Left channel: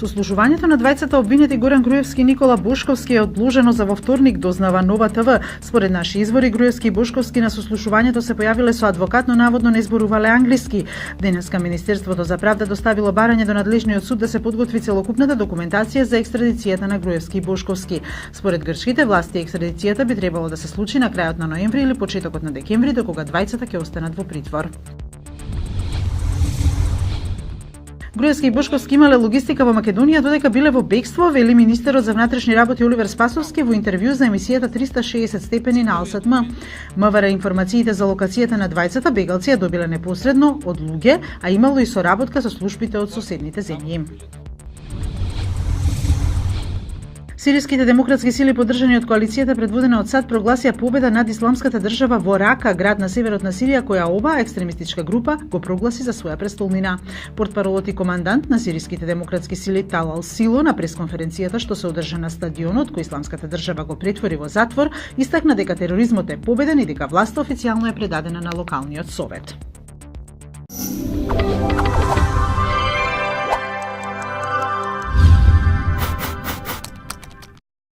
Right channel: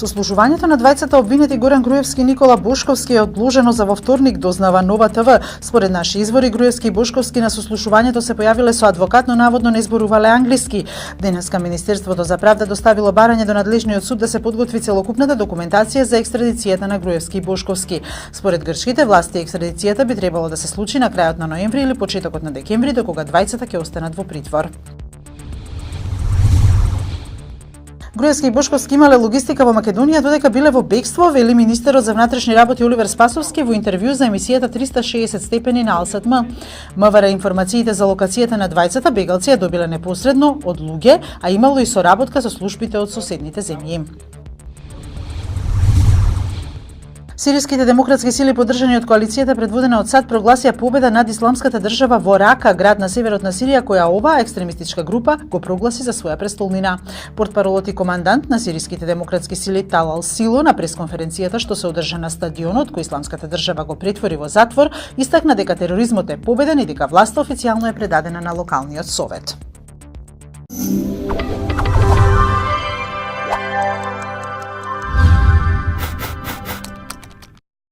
Сослушувањето на двајцата обвинети Горан Груевски и Никола Бошковски е одложено за во вторник, дознава Нова ТВ. Според наши извори, Груевски и Бошковски на сослушувањето се појавиле со адвокат, но наводно не зборувале англиски. Денеска Министерството за правда доставило барање до надлежниот суд да се подготви целокупната документација за екстрадицијата на Груевски и Бошковски. Според грчките власти, екстрадицијата би требало да се случи на крајот на ноември или почетокот на декември, до кога двајцата ќе останат во притвор. Груевски и Бошковски имале логистика во Македонија додека биле во бегство, вели министерот за внатрешни работи Оливер Спасовски во интервју за емисијата 360 степени на Алсат М. МВР информациите за локацијата на двајцата бегалци ја добиле непосредно од луѓе, а имало и соработка со службите од соседните земји. Сириските демократски сили поддржани од коалицијата предводена од САД прогласија победа над исламската држава во Рака, град на северот на Сирија, која оваа екстремистичка група го прогласи за своја престолнина. Портпаролот и командант на сириските демократски сили Талал Сило на пресконференцијата што се одржа на стадионот кој исламската држава го претвори во затвор, истакна дека тероризмот е победен и дека власта официјално е предадена на локалниот совет.